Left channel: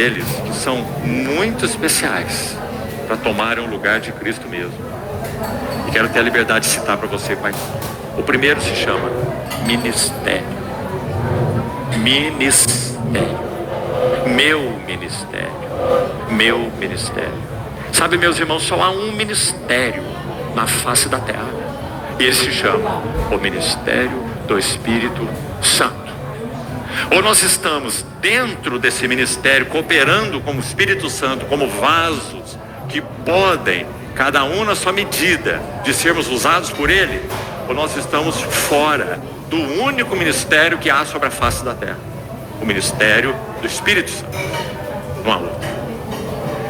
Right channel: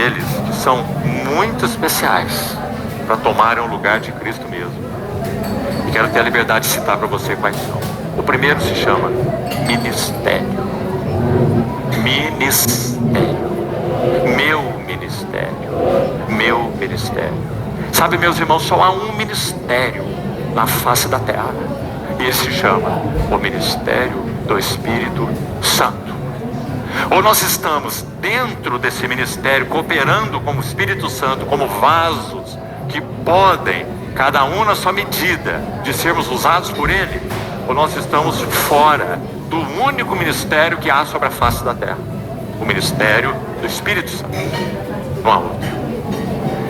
Eles são muito especiais para tomarem o lugar de Cristo mesmo. E quero ter a liberdade de citar para você quais são. O primeiro se chama ministério. Ministério. Meu ministério. Meu ministério. Sabe, meus irmãos, só há um ministério na face da terra. E ele se chama o ministério do Espírito Santo. Ou nós estamos dentro desse ministério, cooperando com o Espírito Santo, como vasos que podem, cada um na sua medida, de sermos usados por Ele, ou nós estamos fora do único ministério que há sobre a face da terra, o ministério do Espírito Santo. Não há outro.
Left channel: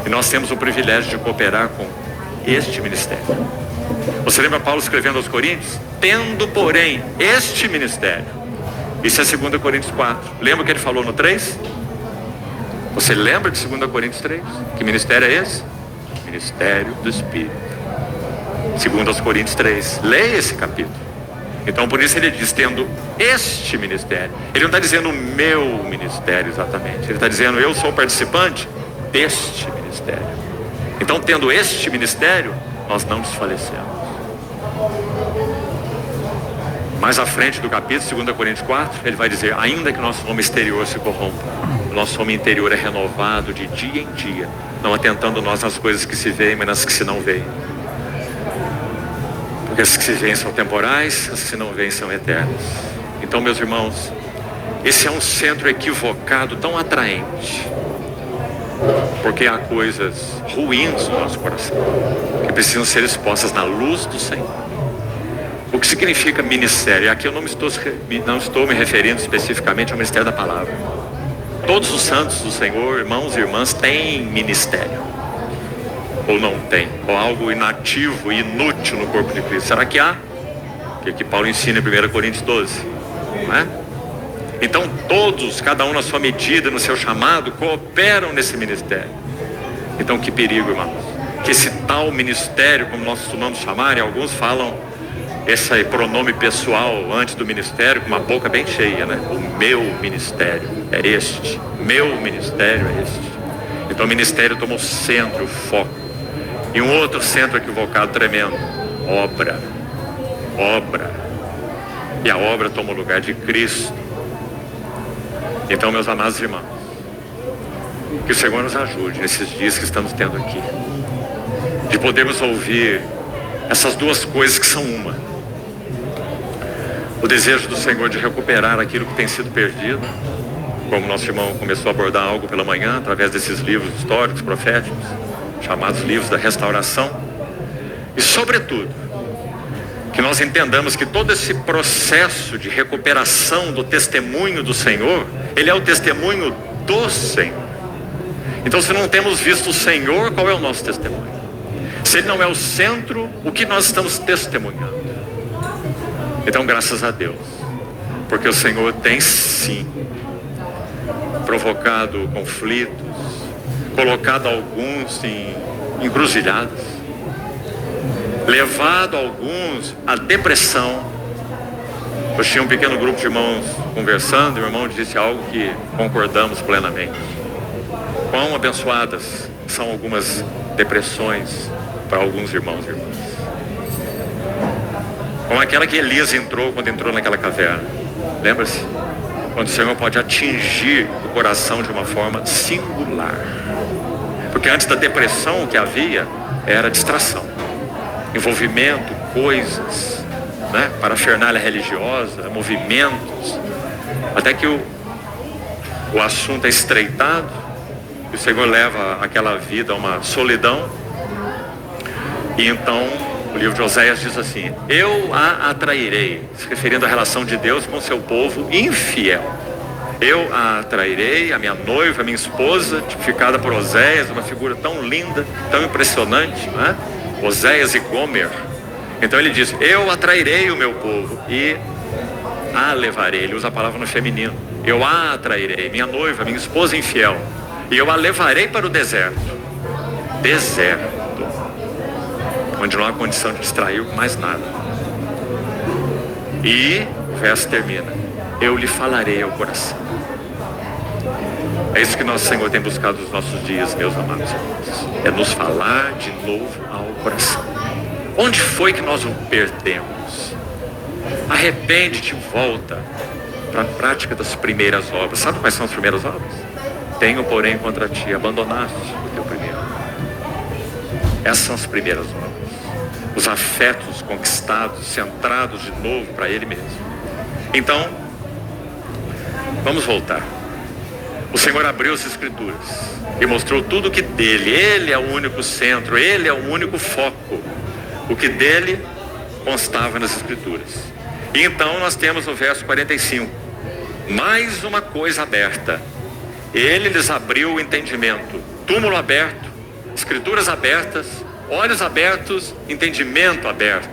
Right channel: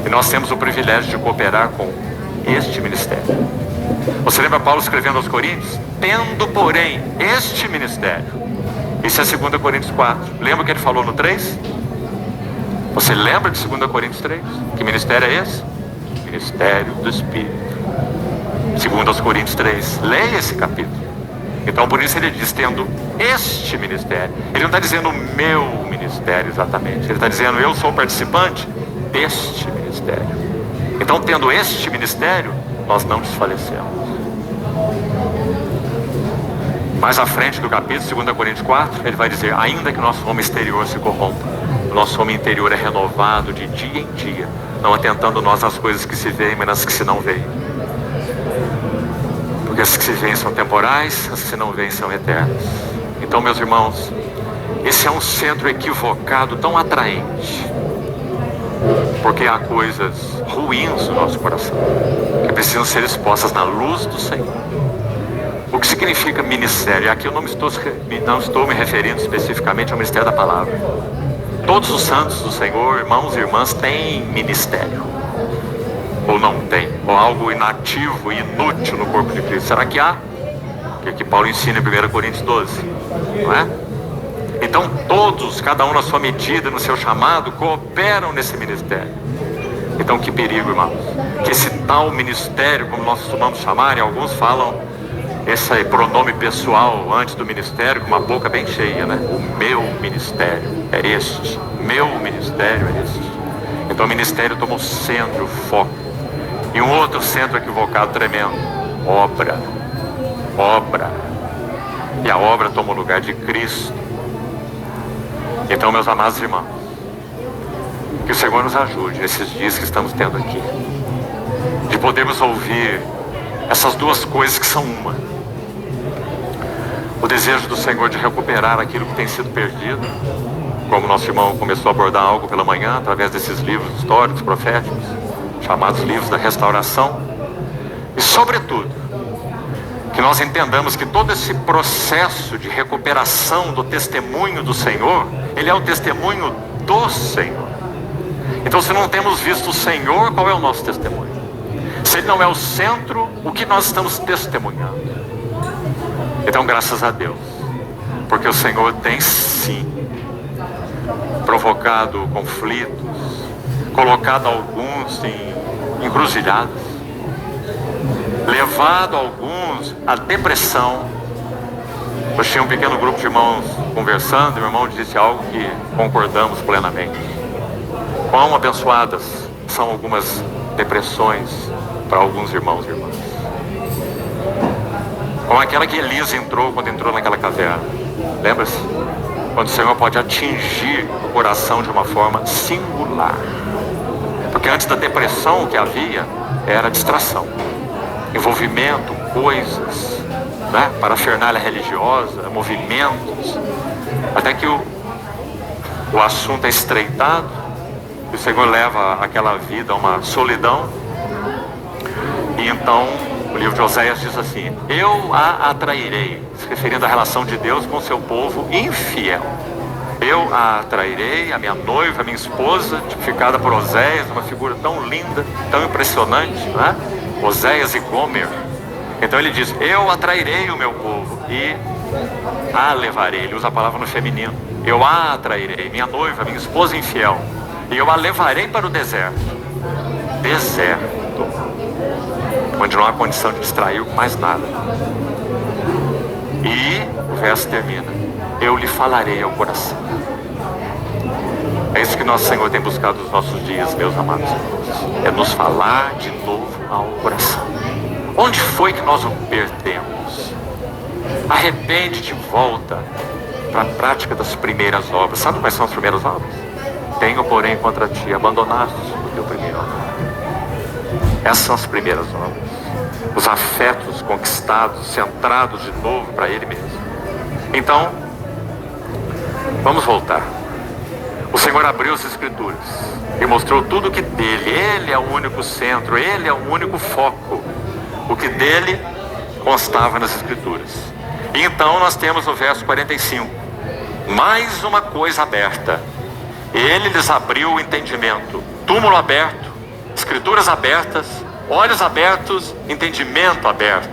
E nós temos o privilégio de cooperar com este ministério. Você lembra Paulo escrevendo aos Coríntios? Tendo, porém, este ministério. Isso é 2 Coríntios 4. Lembra o que ele falou no 3? Você lembra de 2 Coríntios 3? Que ministério é esse? Ministério do Espírito. 2 Coríntios 3. Leia esse capítulo. Então por isso ele diz, tendo este ministério. Ele não está dizendo o meu ministério exatamente. Ele está dizendo, eu sou participante deste ministério. Então tendo este ministério, nós não desfalecemos. Mais à frente do capítulo, 2 Coríntios 4, ele vai dizer, ainda que nosso homem exterior se corrompa, o nosso homem interior é renovado de dia em dia, não atentando nós nas coisas que se veem, mas nas que se não veem. Porque as que se veem são temporais, as que se não veem são eternas. Então, meus irmãos, esse é um centro equivocado, tão atraente, porque há coisas ruins no nosso coração, que precisam ser expostas na luz do Senhor. O que significa ministério? Aqui eu não estou me referindo especificamente ao ministério da palavra. Todos os santos do Senhor, irmãos e irmãs, têm ministério. Ou não tem? Ou algo inativo e inútil no corpo de Cristo. Será que há? Que Paulo ensina em 1 Coríntios 12. Não é? Então todos, cada um na sua medida, no seu chamado, cooperam nesse ministério. Então que perigo, irmãos. Que esse tal ministério, como nós costumamos chamar, e alguns falam esse pronome pessoal antes do ministério, com uma boca bem cheia, né? O meu ministério é este. Meu ministério é este. Então o ministério toma o centro, o foco. E um outro centro equivocado tremendo. Obra. Obra. E a obra toma o lugar de Cristo. Então, meus amados irmãos, que o Senhor nos ajude nesses dias que estamos tendo aqui, de podermos ouvir essas duas coisas que são uma. O desejo do Senhor de recuperar aquilo que tem sido perdido, como nosso irmão começou a abordar algo pela manhã, através desses livros históricos, proféticos, chamados livros da restauração. E sobretudo, que nós entendamos que todo esse processo de recuperação do testemunho do Senhor, ele é o testemunho do Senhor. Então, se não temos visto o Senhor, qual é o nosso testemunho? Se Ele não é o centro, o que nós estamos testemunhando? Então, graças a Deus, porque o Senhor tem sim provocado conflitos, colocado alguns em encruzilhadas, levado alguns à depressão. Eu tinha um pequeno grupo de irmãos conversando, e o irmão disse algo que concordamos plenamente. Quão abençoadas são algumas depressões para alguns irmãos e irmãs. Como aquela que Elias entrou quando entrou naquela caverna. Lembra-se? Quando o Senhor pode atingir o coração de uma forma singular. Porque antes da depressão o que havia era distração, envolvimento, coisas, né? Parafernália religiosa, movimentos, até que o assunto é estreitado e o Senhor leva aquela vida a uma solidão. E então o livro de Oséias diz assim: eu a atrairei, se referindo à relação de Deus com o seu povo infiel. Eu a atrairei, a minha noiva, a minha esposa, tipificada por Oséias, uma figura tão linda, tão impressionante, não é? Oséias e Gomer. Então ele diz: eu atrairei o meu povo e a levarei. Ele usa a palavra no feminino. Eu a atrairei, minha noiva, minha esposa infiel, e eu a levarei para o deserto. Deserto, onde não há condição de distrair mais nada. E o verso termina: eu lhe falarei ao coração. É isso que nosso Senhor tem buscado nos nossos dias, meus amados irmãos. É nos falar de novo ao coração. Onde foi que nós o perdemos? Arrepende-te, volta para a prática das primeiras obras. Sabe quais são as primeiras obras? Tenho, porém, contra ti, abandonaste o teu primeiro amor. Essas são as primeiras obras. Os afetos conquistados, centrados de novo para Ele mesmo. Então, vamos voltar. O Senhor abriu as Escrituras e mostrou tudo que dele. Ele é o único centro, Ele é o único foco. O que dele constava nas Escrituras. E então nós temos no verso 45, mais uma coisa aberta. Ele lhes abriu o entendimento. Túmulo aberto, Escrituras abertas, olhos abertos, entendimento aberto.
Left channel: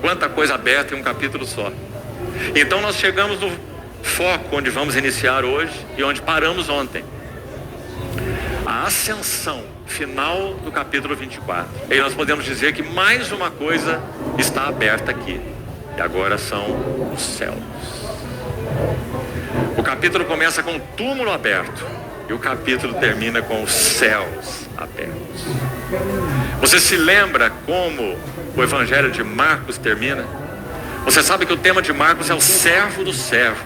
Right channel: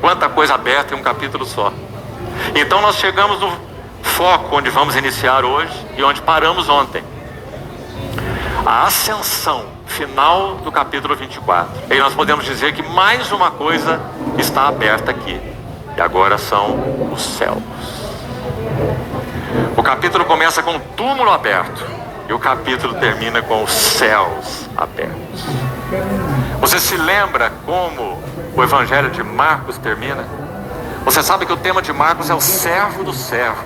Quanta coisa aberta em um capítulo só. Então nós chegamos no foco onde vamos iniciar hoje e onde paramos ontem. A ascensão final do capítulo 24. E nós podemos dizer que mais uma coisa está aberta aqui. E agora são os céus. O capítulo começa com o túmulo aberto. E o capítulo termina com os céus abertos. Você se lembra como o Evangelho de Marcos termina? Você sabe que o tema de Marcos é o servo dos servos,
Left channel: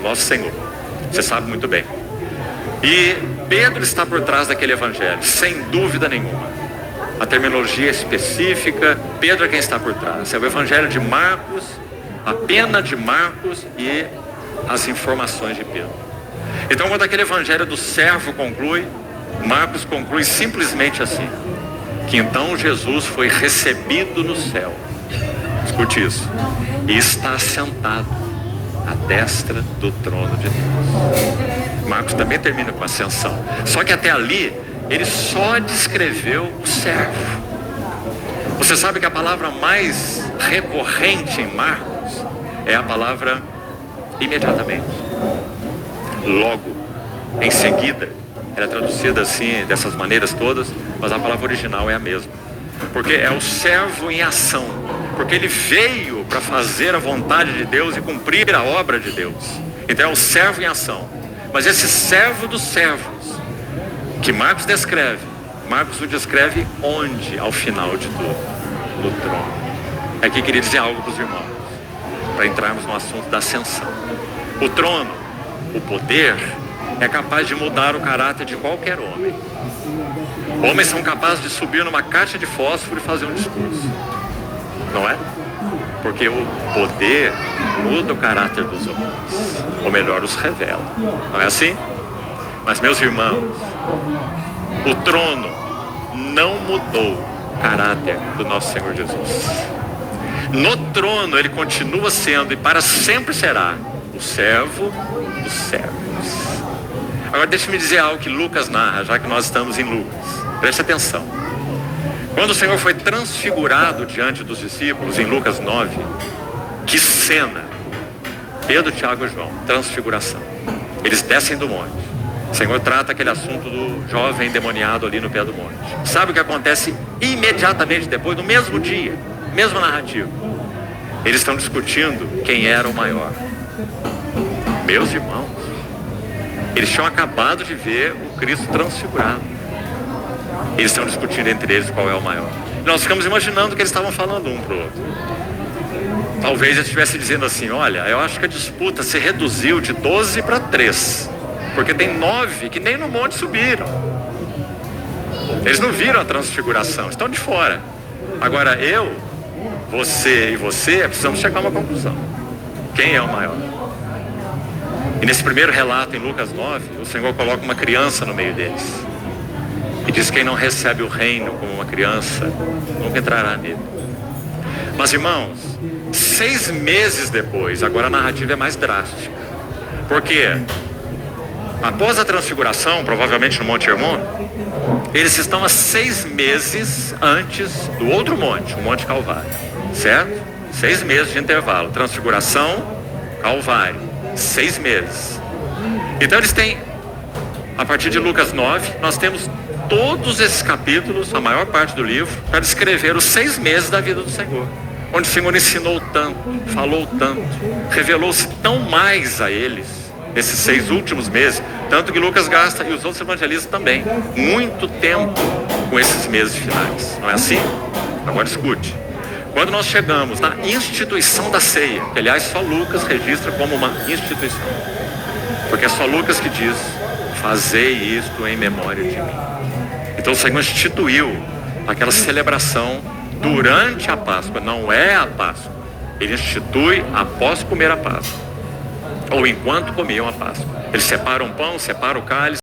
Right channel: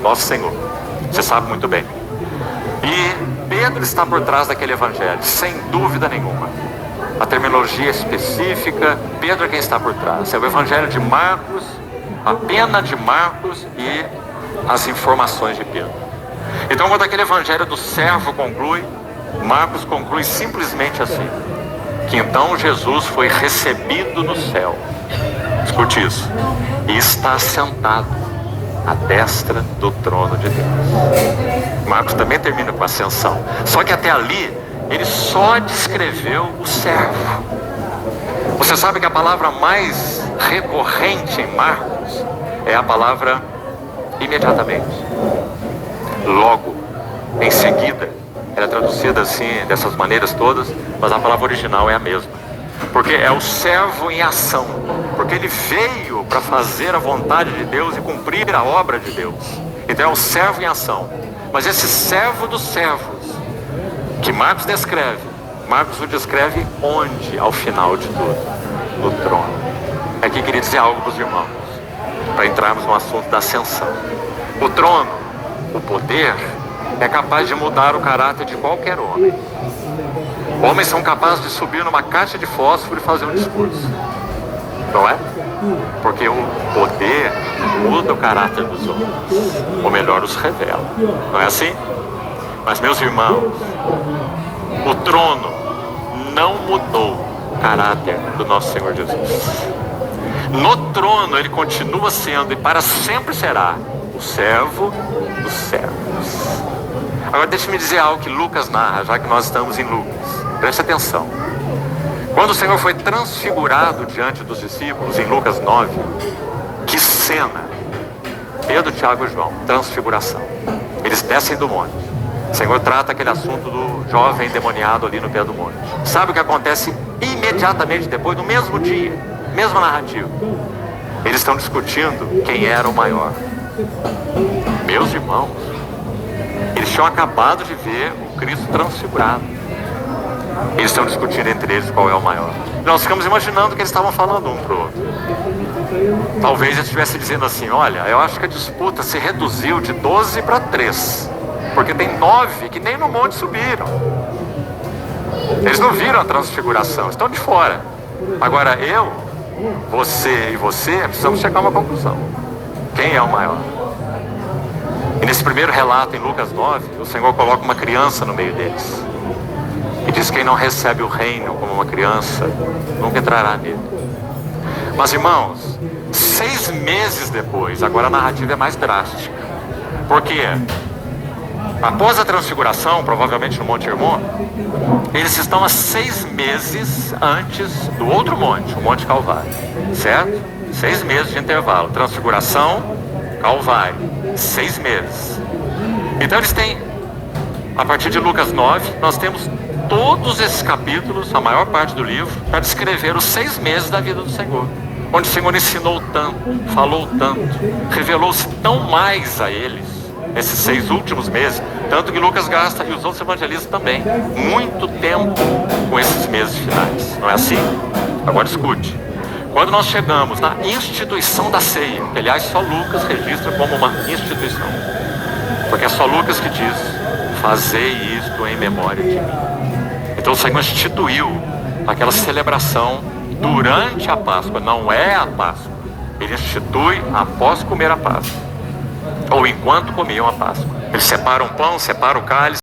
nosso Senhor. Você sabe muito bem. E Pedro está por trás daquele Evangelho, sem dúvida nenhuma. A terminologia específica, Pedro é quem está por trás. É o Evangelho de Marcos, a pena de Marcos e as informações de Pedro. Então, quando aquele Evangelho do servo conclui, Marcos conclui simplesmente assim: que então Jesus foi recebido no céu. Escute isso. E está sentado à destra do trono de Deus. Marcos também termina com ascensão. Só que até ali, ele só descreveu o servo. Você sabe que a palavra mais recorrente em Marcos é a palavra imediatamente. Logo, em seguida. Ela é traduzida assim, dessas maneiras todas, mas a palavra original é a mesma. Porque é o servo em ação. Porque ele veio para fazer a vontade de Deus e cumprir a obra de Deus. Então é o servo em ação. Mas esse servo dos servos, que Marcos descreve, Marcos o descreve onde? Ao final de tudo? No trono. Aqui queria dizer algo para os irmãos, para entrarmos no assunto da ascensão. O trono, o poder, é capaz de mudar o caráter de qualquer homem. Homens são capazes de subir numa caixa de fósforo e fazer um discurso. Não é? Porque o poder muda o caráter dos homens. Ou melhor, os revela. Não é assim? Mas, meus irmãos, o trono não mudou o caráter do nosso Senhor Jesus. No trono ele continua sendo e para sempre será o servo dos servos. Agora deixe-me dizer algo que Lucas narra, já que nós estamos em Lucas. Preste atenção. Quando o Senhor foi transfigurado diante dos discípulos, em Lucas 9, que cena! Pedro, Tiago e João, transfiguração. Eles descem do monte. O Senhor trata aquele assunto do jovem endemoniado ali no pé do monte. Sabe o que acontece imediatamente depois, no mesmo dia, mesma narrativa? Eles estão discutindo quem era o maior. Meus irmãos, eles tinham acabado de ver o Cristo transfigurado. Eles estão discutindo entre eles qual é o maior. E nós ficamos imaginando que eles estavam falando um para o outro. Talvez eles estivessem dizendo assim: olha, eu acho que a disputa se reduziu de 12 para 3. Porque tem 9 que nem no monte subiram. Eles não viram a transfiguração, estão de fora. Agora eu, você e você precisamos chegar a uma conclusão. Quem é o maior? E nesse primeiro relato em Lucas 9, o Senhor coloca uma criança no meio deles. E diz que quem não recebe o reino como uma criança, nunca entrará nele. Mas irmãos, 6 meses depois, agora a narrativa é mais drástica. Por quê? Após a transfiguração, provavelmente no Monte Hermon, eles estão a 6 meses antes do outro monte, o Monte Calvário. Certo? 6 meses de intervalo. Transfiguração, Calvário. 6 meses. Então eles têm, a partir de Lucas 9, nós temos todos esses capítulos, a maior parte do livro, para descrever os 6 meses da vida do Senhor. Onde o Senhor ensinou tanto, falou tanto, revelou-se tão mais a eles, nesses 6 últimos meses, tanto que Lucas gasta, e os outros evangelistas também, muito tempo com esses meses finais. Não é assim? Agora escute. Quando nós chegamos na instituição da ceia, que aliás só Lucas registra como uma instituição, porque é só Lucas que diz: fazei isto em memória de mim. Então o Senhor instituiu aquela celebração durante a Páscoa, não é a Páscoa. Ele institui após comer a Páscoa, ou enquanto comiam a Páscoa. Eles separam o pão, separam o cálice,